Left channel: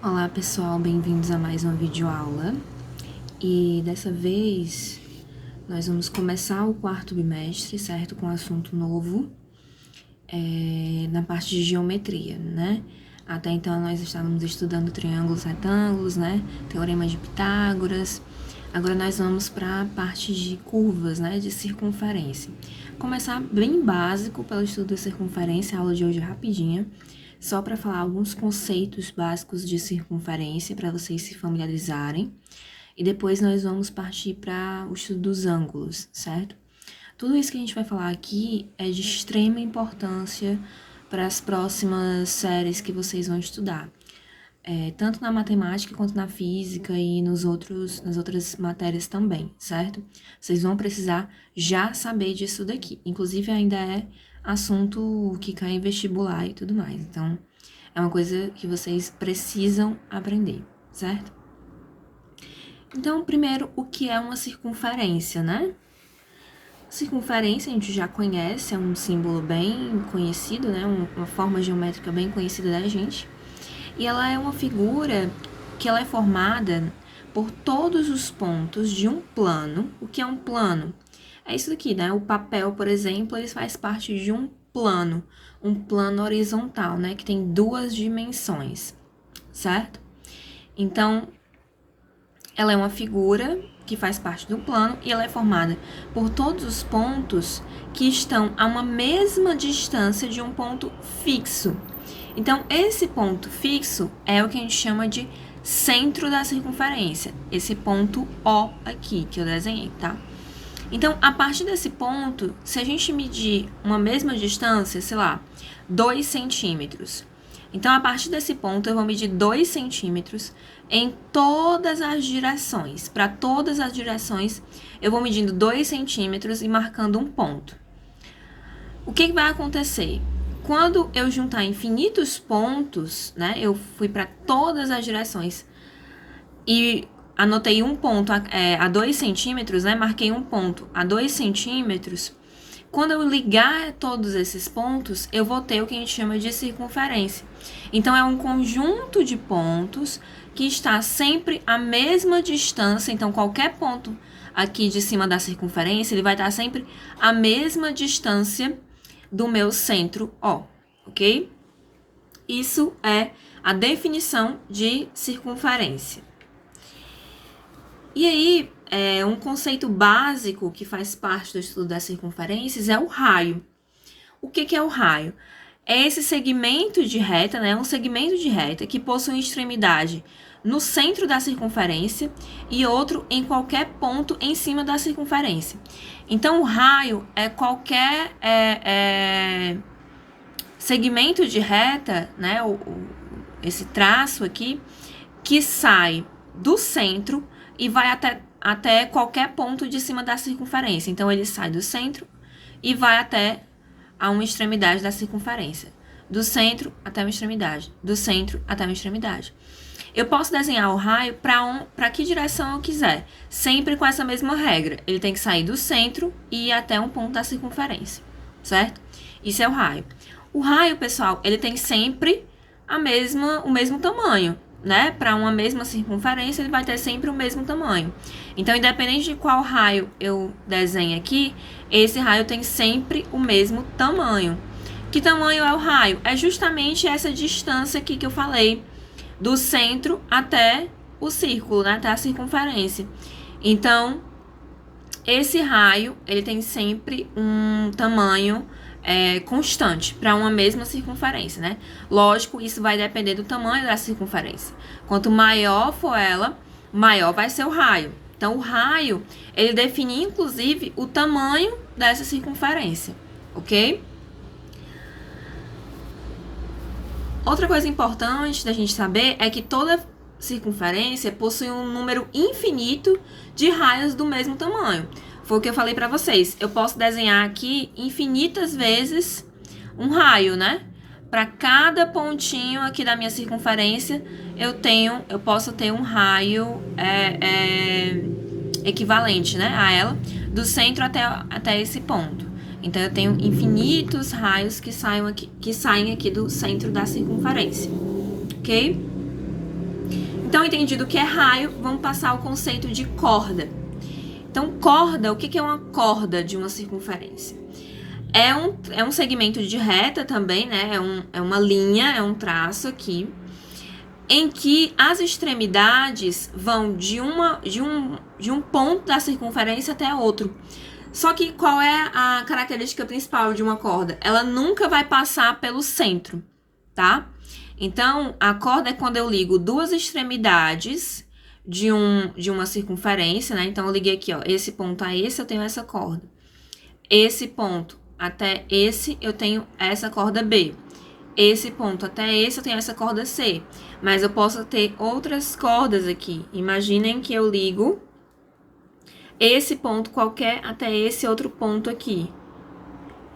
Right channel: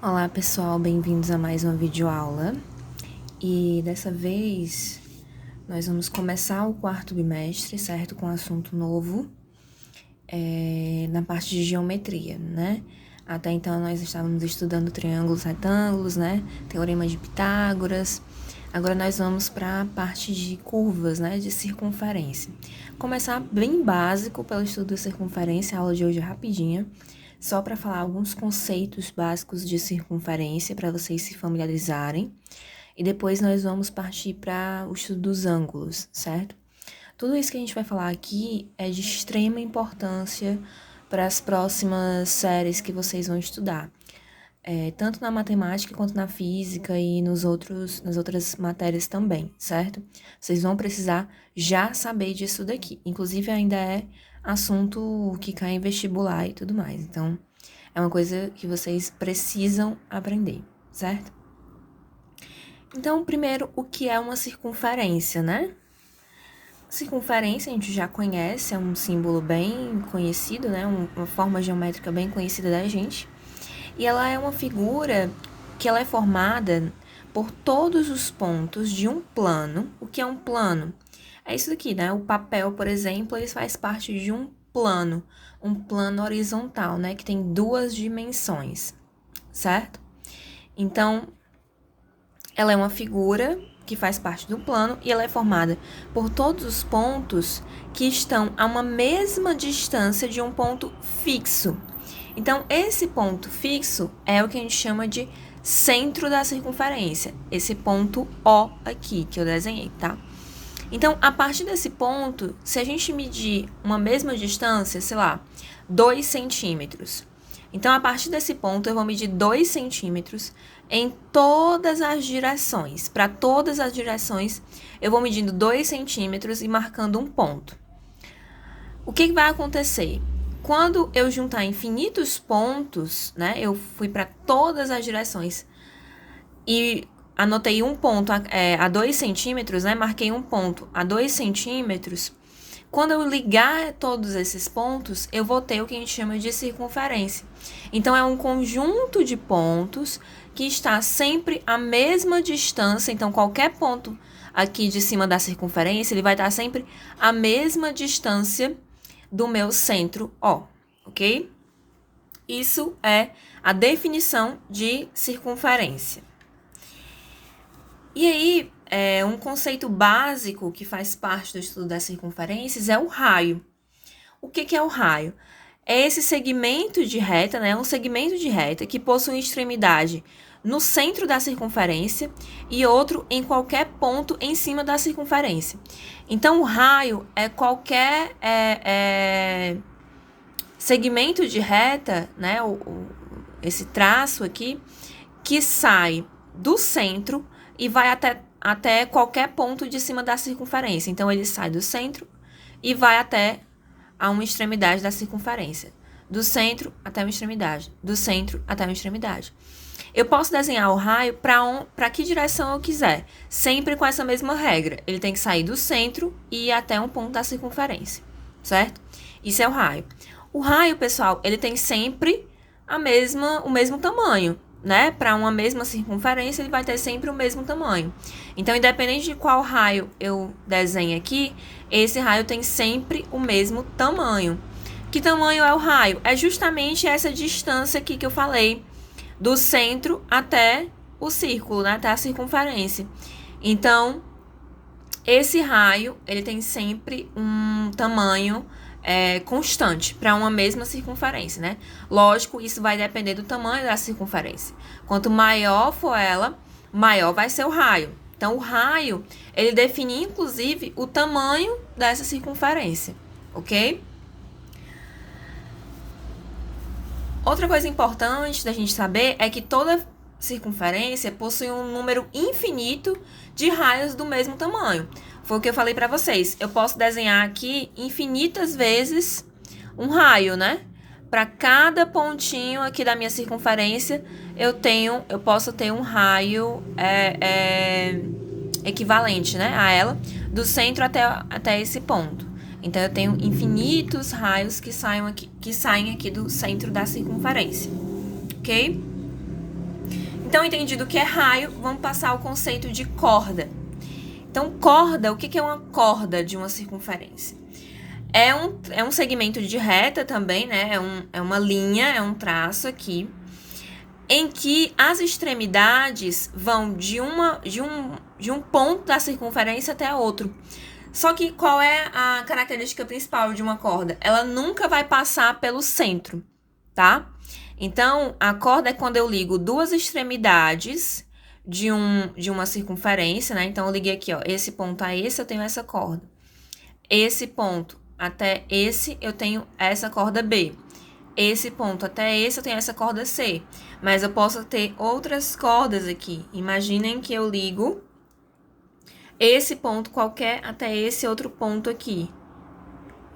Olá pessoal, bem-vindos a mais uma videoaula. E dessa vez nós vamos começar o quarto bimestre, certo? Com um assunto novo na parte de geometria, né? Até então nós estávamos estudando triângulos, retângulos, né? Teorema de Pitágoras. Agora nós vamos para a parte de curvas, né? De circunferência. Começar bem básico pelo estudo da circunferência, a aula de hoje é rapidinha. Só para falar alguns conceitos básicos de circunferência para vocês se familiarizarem. E depois nós vamos partir para o estudo dos ângulos, certo? Tudo isso que a gente vai falar aqui é de extrema importância para as próximas séries que vocês vão estudar. Tanto na matemática quanto na física e nas outras matérias também, certo? Vocês vão precisar já saber disso daqui. Inclusive, ainda é assunto que cai em vestibular e tudo mais. Então, é uma coisa que vocês precisam aprender, certo? Então, primeiro, o que é uma circunferência, né? Circunferência a gente já conhece, é um símbolo bem conhecido, né? Uma forma geométrica bem conhecida da gente. E ela é uma figura que ela é formada por todos os pontos de um plano. O que é um plano? É isso aqui, né? O papel, por exemplo, ele faz parte de um plano horizontal, né? Que tem duas dimensões, certo? Então, ela é uma figura que faz parte do plano e ela é formada por todos os pontos que estão a uma mesma distância de um ponto fixo. Então, esse ponto fixo é o que a gente chama de centro da circunferência. Esse ponto O aqui, que eu desenhei, tá? Então, a partir desse ponto, se a gente medir uma mesma distância, sei lá, 2 centímetros. Então, a partir desse ponto, eu vou medir 2 centímetros em todas as direções. Para todas as direções, eu vou medindo 2 centímetros e marcando um ponto. O que vai acontecer? Quando eu juntar infinitos pontos, né? Eu fui para todas as direções e anotei um ponto a 2 centímetros, né? Marquei um ponto a 2 centímetros. Quando eu ligar todos esses pontos, eu vou ter o que a gente chama de circunferência. Então, é um conjunto de pontos que está sempre à mesma distância. Então, qualquer ponto aqui de cima da circunferência, ele vai estar sempre à mesma distância do meu centro O, ok? Isso é a definição de circunferência. E aí, um conceito básico que faz parte do estudo das circunferências é o raio. O que é o raio? É esse segmento de reta, né? Um segmento de reta que possui extremidade no centro da circunferência e outro em qualquer ponto em cima da circunferência. Então, o raio é qualquer segmento de reta, né? Esse traço aqui, que sai do centro e vai até qualquer ponto de cima da circunferência. Então, ele sai do centro e vai até a uma extremidade da circunferência. Do centro até uma extremidade. Do centro até uma extremidade. Eu posso desenhar o raio para que direção eu quiser, sempre com essa mesma regra. Ele tem que sair do centro e ir até um ponto da circunferência, certo? Isso é o raio. O raio, pessoal, ele tem sempre o mesmo tamanho, né? Para uma mesma circunferência, ele vai ter sempre o mesmo tamanho. Então, independente de qual raio eu desenhe aqui, esse raio tem sempre o mesmo tamanho. Que tamanho é o raio? É justamente essa distância aqui que eu falei, do centro até o círculo, né? Até a circunferência. Então, esse raio, ele tem sempre um tamanho constante para uma mesma circunferência, né? Lógico, isso vai depender do tamanho da circunferência. Quanto maior for ela, maior vai ser o raio. Então, o raio, ele define, inclusive, o tamanho dessa circunferência, ok? Outra coisa importante da gente saber é que toda circunferência possui um número infinito de raios do mesmo tamanho. Foi o que eu falei para vocês. Eu posso desenhar aqui infinitas vezes um raio, né? Para cada pontinho aqui da minha circunferência, eu posso ter um raio equivalente, né, a ela, do centro até esse ponto. Então, eu tenho infinitos raios que saem aqui do centro da circunferência, ok? Então, entendido o que é raio, vamos passar ao conceito de corda. Então, corda, o que é uma corda de uma circunferência? É um segmento de reta também, né? É uma linha, é um traço aqui, em que as extremidades vão de um ponto da circunferência até outro. Só que qual é a característica principal de uma corda? Ela nunca vai passar pelo centro, tá? Então, a corda é quando eu ligo duas extremidades de uma circunferência, né? Então, eu liguei aqui, ó, esse ponto a esse, eu tenho essa corda. Esse ponto até esse, eu tenho essa corda B. Esse ponto até esse, eu tenho essa corda C. Mas eu posso ter outras cordas aqui. Imaginem que eu ligo esse ponto qualquer até esse outro ponto aqui.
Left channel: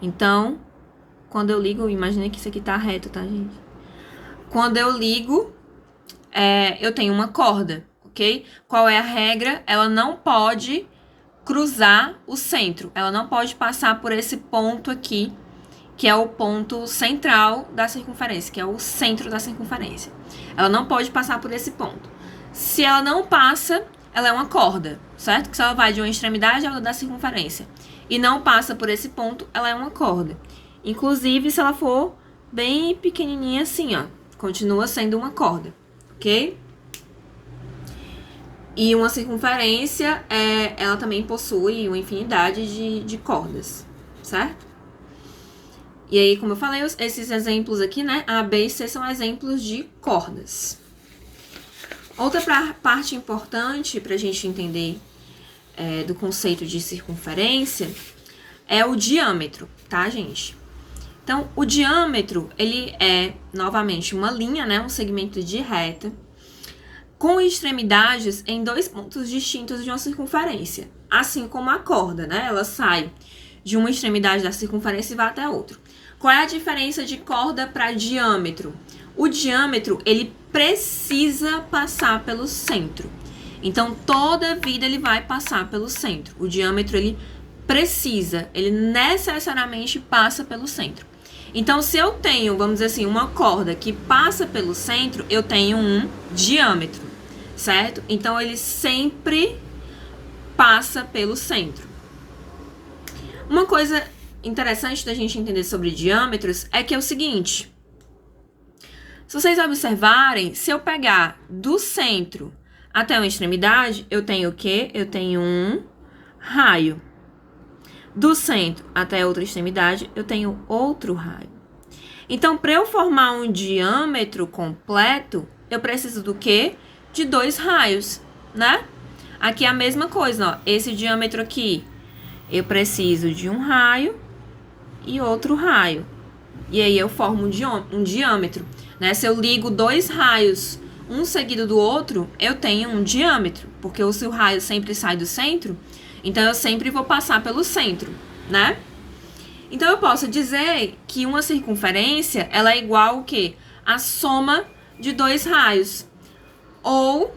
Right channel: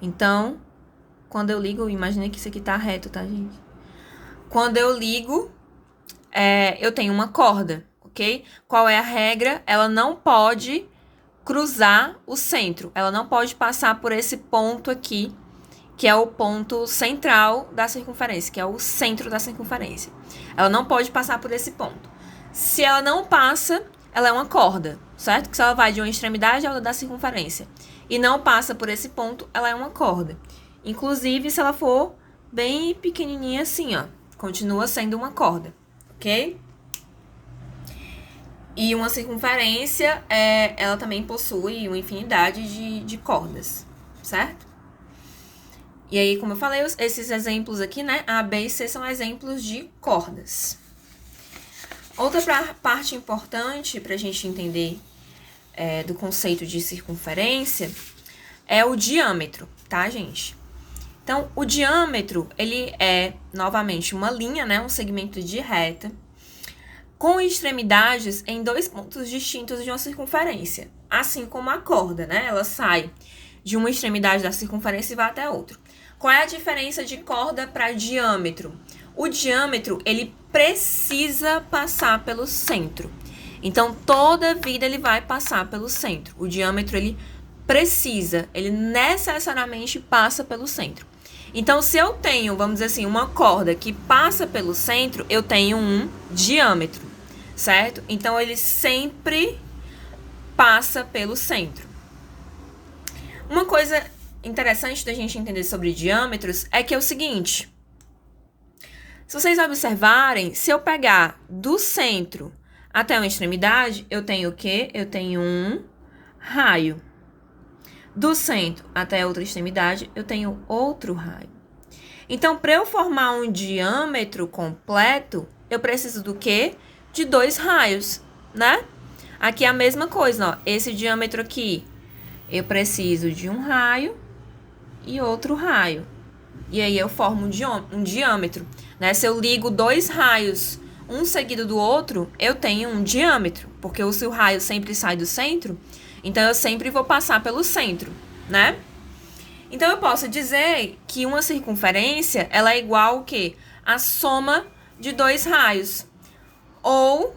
Então, quando eu ligo, imaginem que isso aqui tá reto, tá, gente? Quando eu ligo, eu tenho uma corda, ok? Qual é a regra? Ela não pode cruzar o centro. Ela não pode passar por esse ponto aqui, que é o ponto central da circunferência, que é o centro da circunferência. Ela não pode passar por esse ponto. Se ela não passa, ela é uma corda, certo? Que se ela vai de uma extremidade a outra da circunferência e não passa por esse ponto, ela é uma corda. Inclusive, se ela for bem pequenininha assim, ó, continua sendo uma corda, ok? E uma circunferência, ela também possui uma infinidade de cordas, certo? E aí, como eu falei, esses exemplos aqui, né, A, B e C são exemplos de cordas. Outra parte importante para a gente entender do conceito de circunferência é o diâmetro, tá, gente? Então, o diâmetro, ele é, novamente, uma linha, né, um segmento de reta, com extremidades em dois pontos distintos de uma circunferência, assim como a corda, né? Ela sai de uma extremidade da circunferência e vai até a outra. Qual é a diferença de corda para diâmetro? O diâmetro, ele precisa passar pelo centro. Então, toda vida ele vai passar pelo centro. O diâmetro, ele precisa, ele necessariamente passa pelo centro. Então, se eu tenho, vamos dizer assim, uma corda que passa pelo centro, eu tenho um diâmetro, certo? Então, ele sempre passa pelo centro. Uma coisa interessante da gente entender sobre diâmetros é que é o seguinte: se vocês observarem, se eu pegar do centro até uma extremidade, eu tenho o quê? Eu tenho um raio. Do centro até outra extremidade, eu tenho outro raio. Então, para eu formar um diâmetro completo, eu preciso do quê? De dois raios, né? Aqui é a mesma coisa, ó. Esse diâmetro aqui, eu preciso de um raio e outro raio. E aí eu formo um diâmetro, né? Se eu ligo dois raios, um seguido do outro, eu tenho um diâmetro. Porque se o raio sempre sai do centro, então eu sempre vou passar pelo centro, né? Então eu posso dizer que uma circunferência, ela é igual ao quê? A soma de dois raios. Ou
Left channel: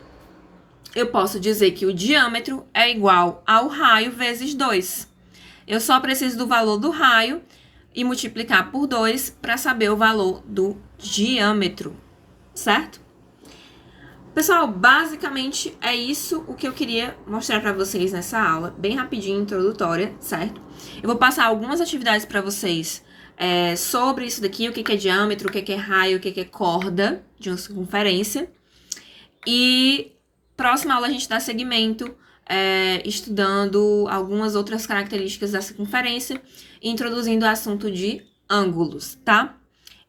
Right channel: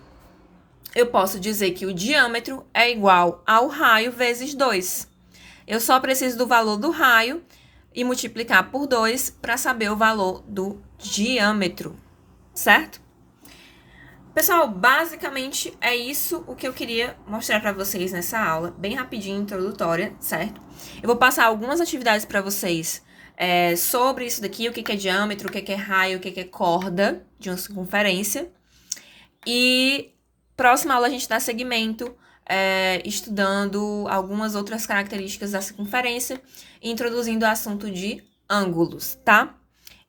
eu posso dizer que o diâmetro é igual ao raio vezes 2. Eu só preciso do valor do raio e multiplicar por 2 para saber o valor do diâmetro, certo? Pessoal, basicamente é isso o que eu queria mostrar para vocês nessa aula, bem rapidinho, introdutória, certo? Eu vou passar algumas atividades para vocês sobre isso daqui, o que é diâmetro, o que é raio, o que é corda de uma circunferência. E próxima aula a gente dá seguimento estudando algumas outras características da circunferência e introduzindo o assunto de ângulos, tá?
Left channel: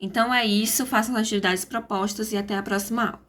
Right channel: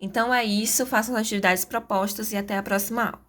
Então é isso, façam as atividades propostas e até a próxima aula.